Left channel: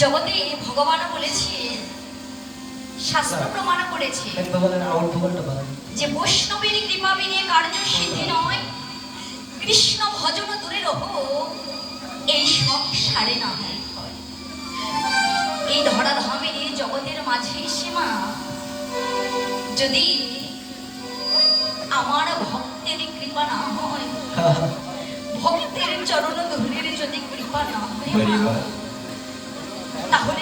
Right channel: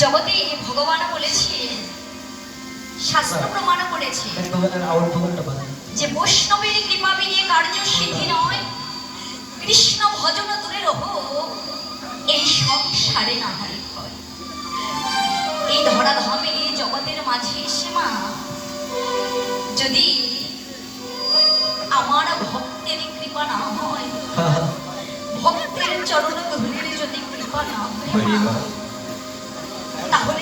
জগতে ভগবান বলেছে শাস্ত্র প্রমাণ করেছে যে বৈষ্ণবের কৃপা বিনিয়ে কার্য সিদ্ধি নয়। কৃষ্ণ ভজন দূরে রহ এই সংসারে না হয়। এই ধরাধামের এই জগতের মাঝে সীমা যদি আমার ভক্তের কৃপা না হয় ভক্তের চরণ ধরে যদি কৃপা না হয়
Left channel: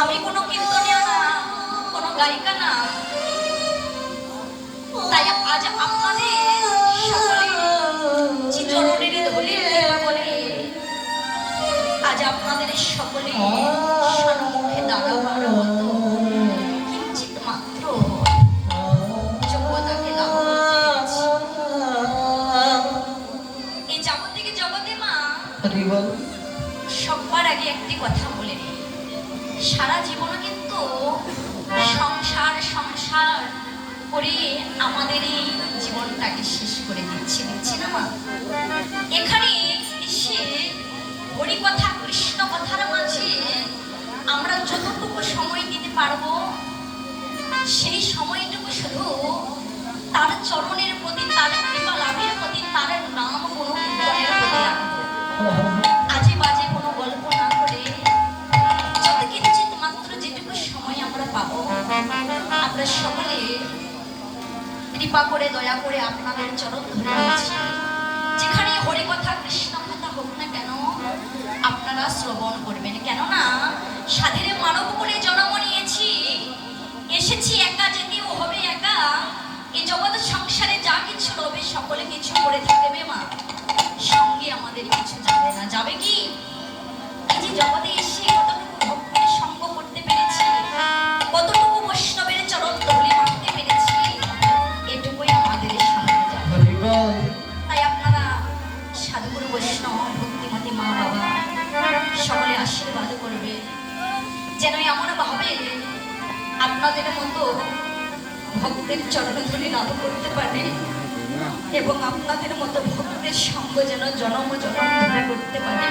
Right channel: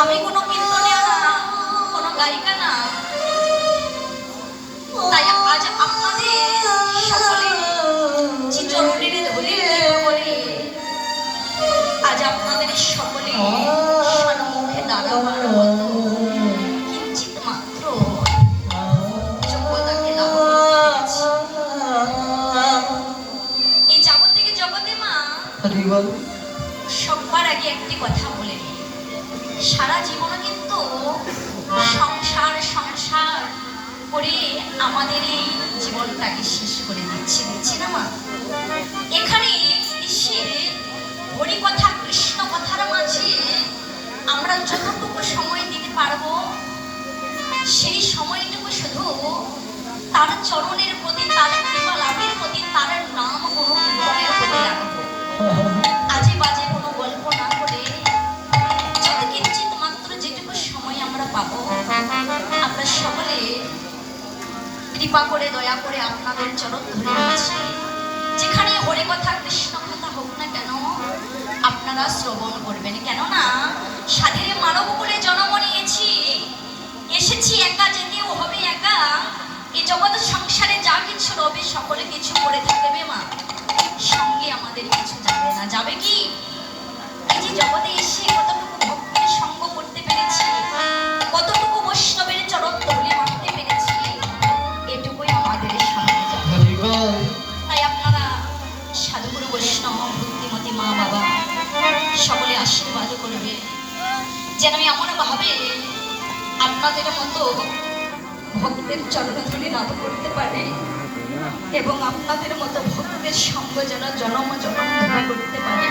আমি কোনো গায়িকা না। তাই আজ আপনাদের সকলের চিত্রমণির ধলির বলে আজ আপনাদের সকলে সম্মুখে দাঁড়াবার সবার আগে একটি কথা বলে নিই। সারা জীবন কিন্তু সংসার সংসার করে আমাদের এই জীবনটাকে শেষ করে দিচ্ছে দিচ্ছে না মা? এখানে এসে হরি কথা কৃষ্ণ কথার মাঝে আমরা যতটুকু সময় দিতে পারব, সেই সময়টুকু শুধু তার চরণের প্রতি, তার কৃপা লাভের প্রতি, তার নাম গুরু আমরা সকলে কৃপা করে, দয়া করে আপনাদের চরণ ধরে নিয়েছি যেখানে হরে কথা, কৃষ্ণ কথা হোক না কেন, আপনারা শ্রবণ করবেন। কেননা, সাধের মানব বলে জন্ম নিয়েছি। এসেছি একা যেতেও হবে একা। এই জগৎ সংসারে যা কিছু রবে, সকলে কিছু করে থাকবে মা। সঙ্গে আমাদের কিছু যাবে না। যাবে কি? এই যে জগতে এসে কৃপায় বৈষ্ণব, ভক্তিমতী মা বাবা সকলে যেন আমি এমনভাবে আপনাদের মতো ভক্তের চরণধুলি লাভ করতে পারি এবং আপনাদের মতো ভক্তের সঙ্গ যেন জনম জনম করতে পারে।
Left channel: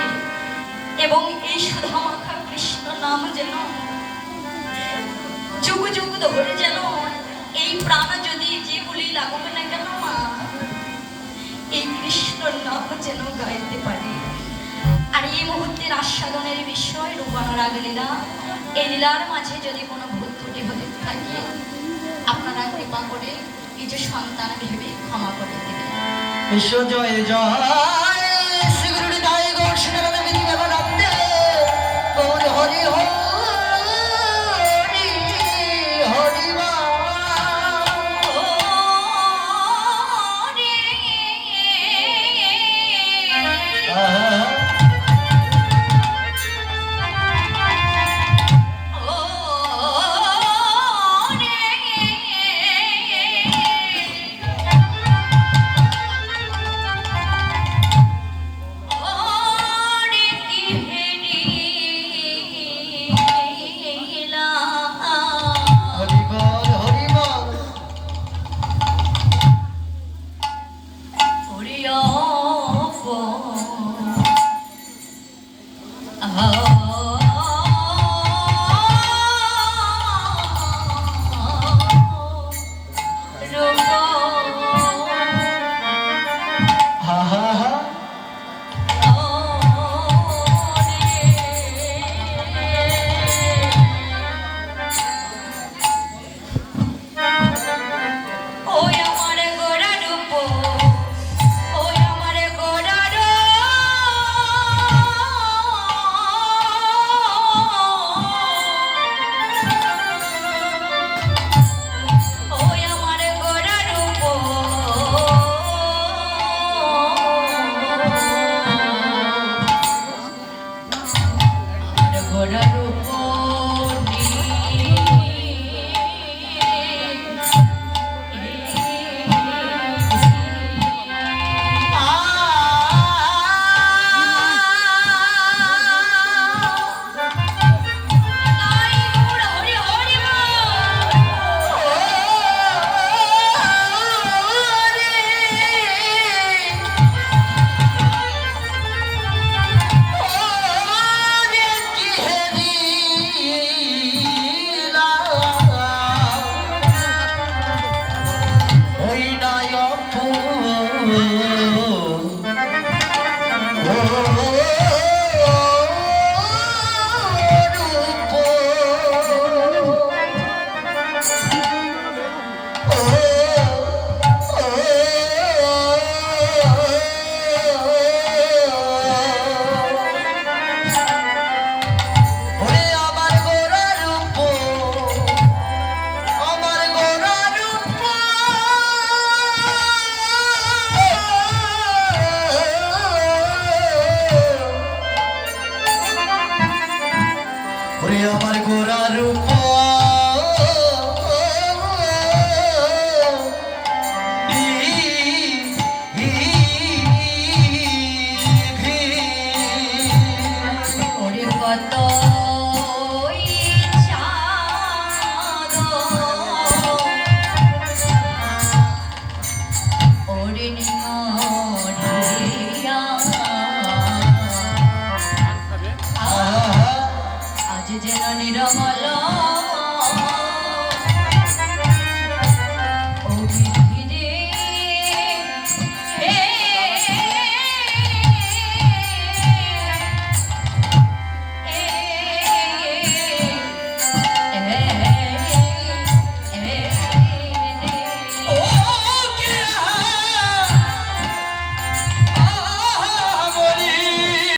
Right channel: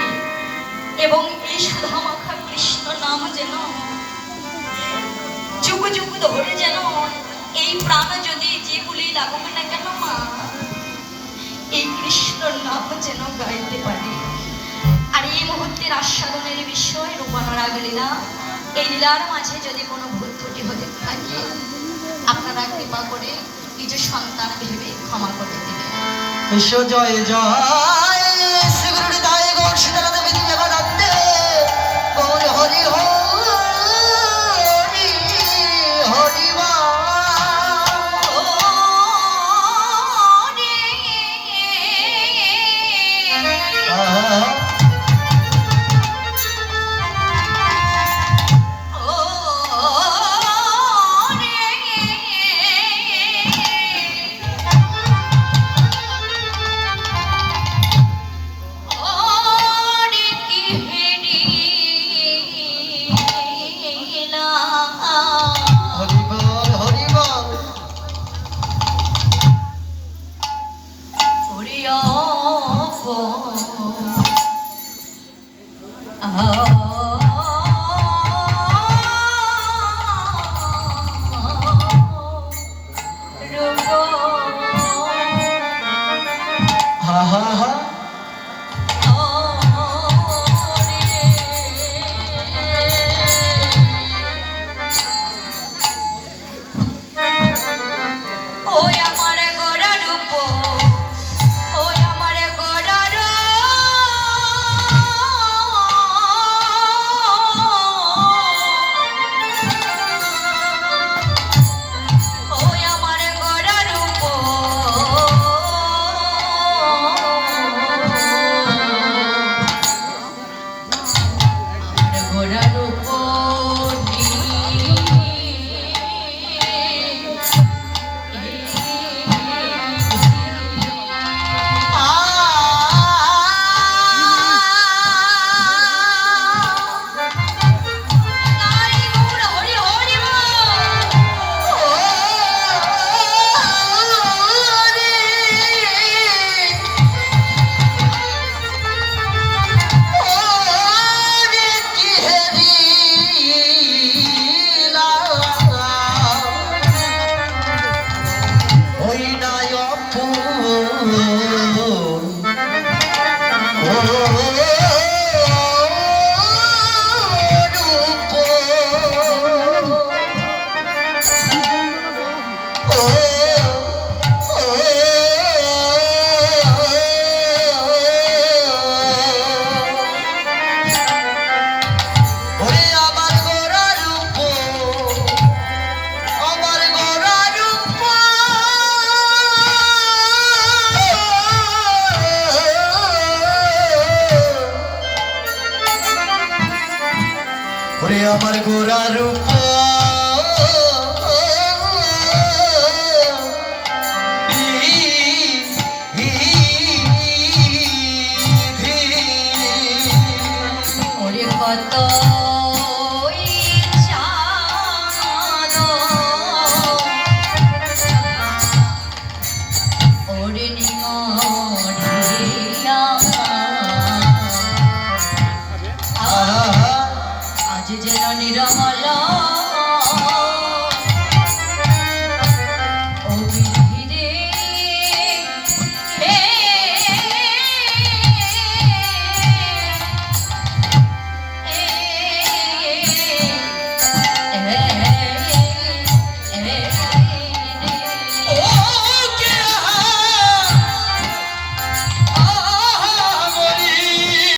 এবং এই সাধামাখা কৃষ্ণ নাম যেন যুগ যুগ ধরে যেন এই প্রাণ যদি যেগুলি বলি না কেন এই কৃষ্ণর নাম যেন গাইতে পারি। আর এই মুহূর্তের আস্বাদনের বিষয় রূপনারাগ লীলা। এই লীলার মাঝে যদি কোনো ভুল ত্রুটি হতে থাকে, আপনারা কৃপা করে নিজ সন্তান ভেবে ক্ষমা করে দেবেন। জয় জয়। Oh. Oyda yoktur আজ যেন নিরমলা